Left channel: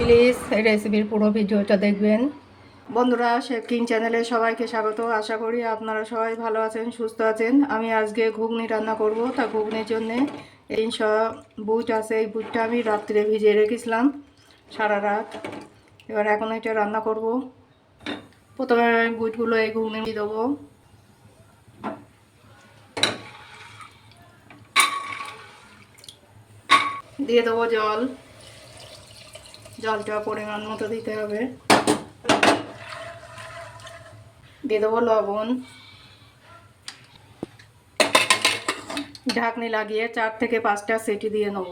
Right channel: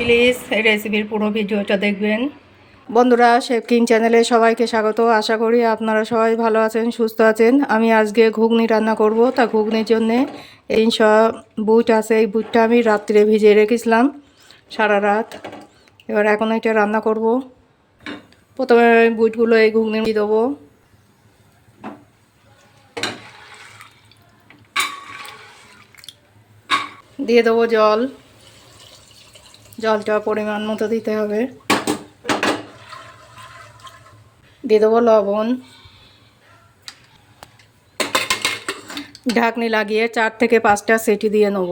Please এই রেসিপির পুরো ভিডিওটা দেখবেন। বন্ধুরা, শেফ কিং চ্যানেলে সবাইকে স্বাগত। আশা করি আপনারা সবাই ভালো আছেন, সুস্থ আছেন। আমি আজকে ঘুগনি রান্না করব। তা ঘুগনির জন্যে এই সব বুট আছে, এই বুটটা আমি রাত্রে ভিজিয়ে রেখেছিলাম সারা রাত। এবার এখন এটা রান্না করব। প্রথমে বুটগুলো এই ঘুগনি দিয়ে দেবো। দিয়ে দেবো জল। জলটা পরিমাণ মতো দিতে হবে। দিয়ে দেবো লবণ। ঢাকনি লাগিয়ে 4 থেকে 5টা সিটি দিয়ে নেব।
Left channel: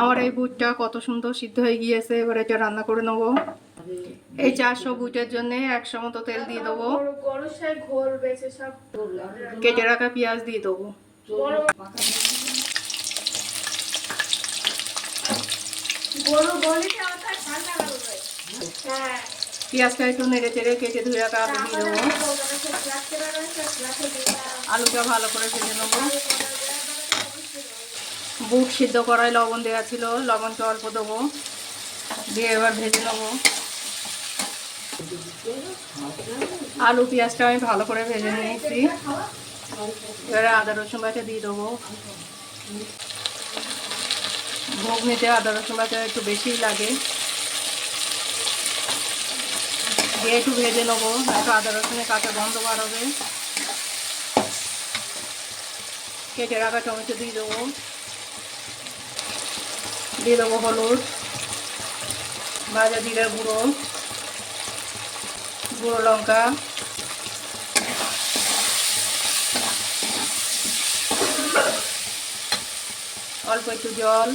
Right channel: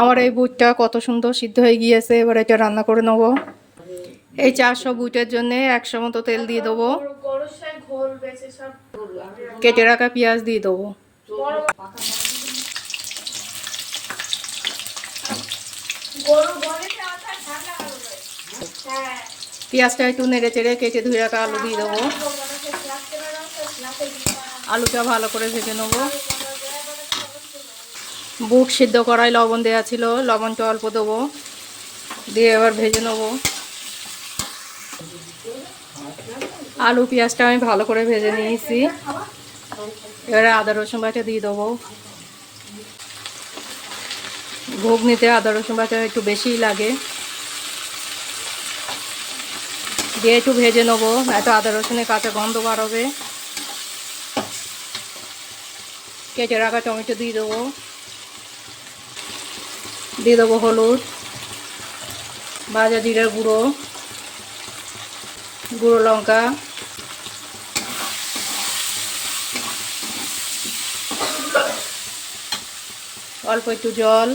আমার এই বুটটা কত সুন্দর সিদ্ধ হয়ে গিয়েছে। এবার এটা রান্না করে নেব। এই 400 বুটের জন্য 100 মতো তেল দিয়ে দেবো। কেটে রাখা পেঁয়াজ দিয়ে দেবো। পেঁয়াজটা একটু নেড়ে চেড়ে কেটে ধুয়ে রাখা আলু দিয়ে দেবো। আলুটা ভালো করে ভেজে নেব। বুট সিদ্ধ করায় লবণ দেওয়া ছিল, লবণটা অল্প দেবো, দিয়ে এবার ভেজে নেব। আলু পেঁয়াজটা আমি ভালো করে ভেজে নিয়েছি। এবারে আদা রসুন বাটা দিয়ে দেবো। ঘুগনিতে আদা রসুন বাটা একটু বেশিই লাগে। দিয়ে একটু ভেজে নেবো, এত আদা রসুনের কাঁচা গন্ধ বাড়বে। কেটে রাখা টমেটো দিয়ে দেবো। দিয়ে দেবো হলুদ, ভাজা জিরার গুঁড়ো, গুঁড়ো লঙ্কা, অল্প একটু জল।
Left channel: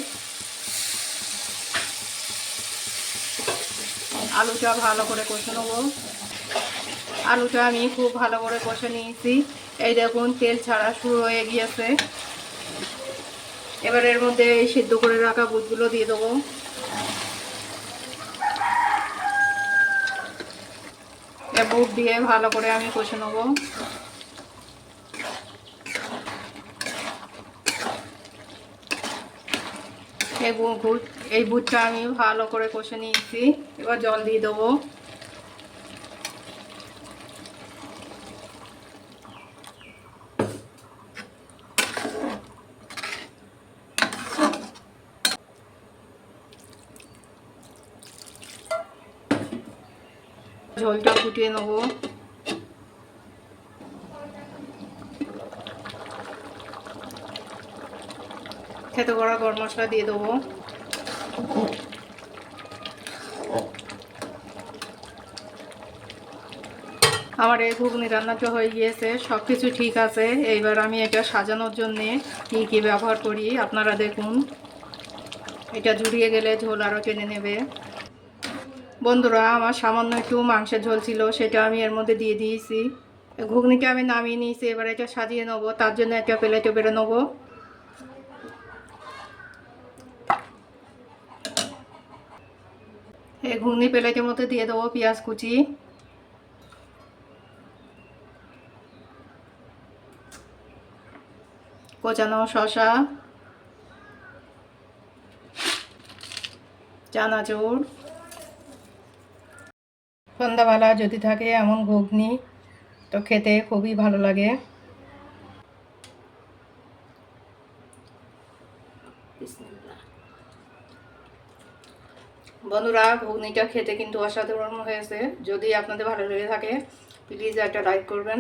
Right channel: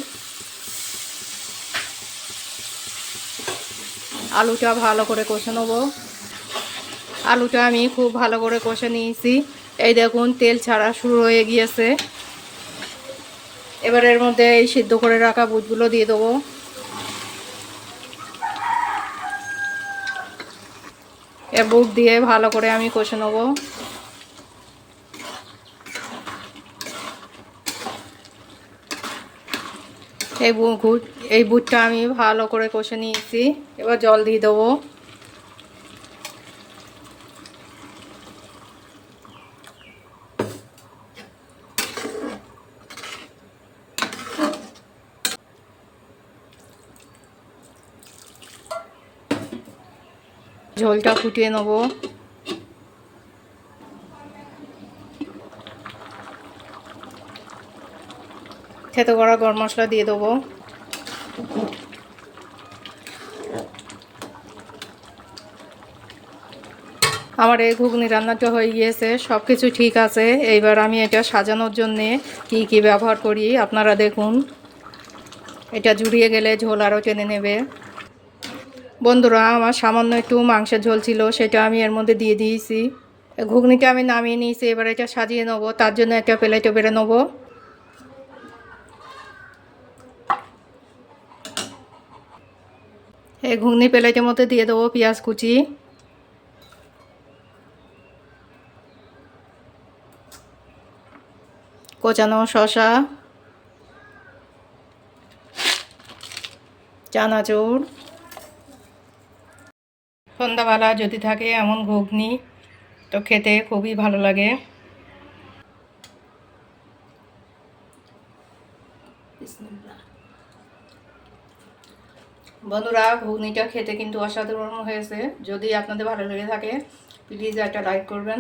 আলুটা ভালো করে কষে নেব। আলুটা আমি খুব ভালো করে কষে নিয়েছি। এই দেখুন তেল ছাড়া শুরু হয়ে গিয়েছে। এবার এর মধ্যে এই সিদ্ধ করে রাখা বুটগুলো দিয়ে দেবো। বুট দিয়ে ভালো করে আমি কষে নেব। এই বুটটা আমি ভালো করে কষে নিয়েছি। এবার জল দিয়ে দেবো। ঝোলটা ফুটিয়ে নেব। থেতো করা গরম মশলা দিয়ে দেবো। আমার এই ঘুগনি রান্নাটা হয়ে গিয়েছে, সব কিছু ঠিক আছে। এইবার আমি এটা সাজানোর জন্যে কি কি ব্যবহার করি আপনারা দেখুন। এটা জুড়িয়ে গেলে ঝোল আরও টেনে নেবে। বন্ধুরা, আমার সামান্য একটু মাংসের ঝোল ছিল, সেটা আমি এর মধ্যে দিয়ে দিয়েছি। ঘুগনিটা আমি নামিয়ে নিয়েছি। এবার এটা সাজিয়ে নেবো, তার জন্য একটা প্লেটে বেড়ে নেবো। এই ঘুগনি প্লেটের মধ্যে দিয়ে দেবো পেঁয়াজ কুচি, কোচানো শসা, চানাচুর। সন্ধ্যাবেলা যদি থাকে এমন ঘুগনি, তো খেতে খুবই ভালো লাগে। বন্ধুরা, ঘুগনিটা খেতে কিন্তু অসাধারণ হয়েছে। যদি আপনাদের ভালো লেগে থাকে প্লিজ একটা লাইক করবেন।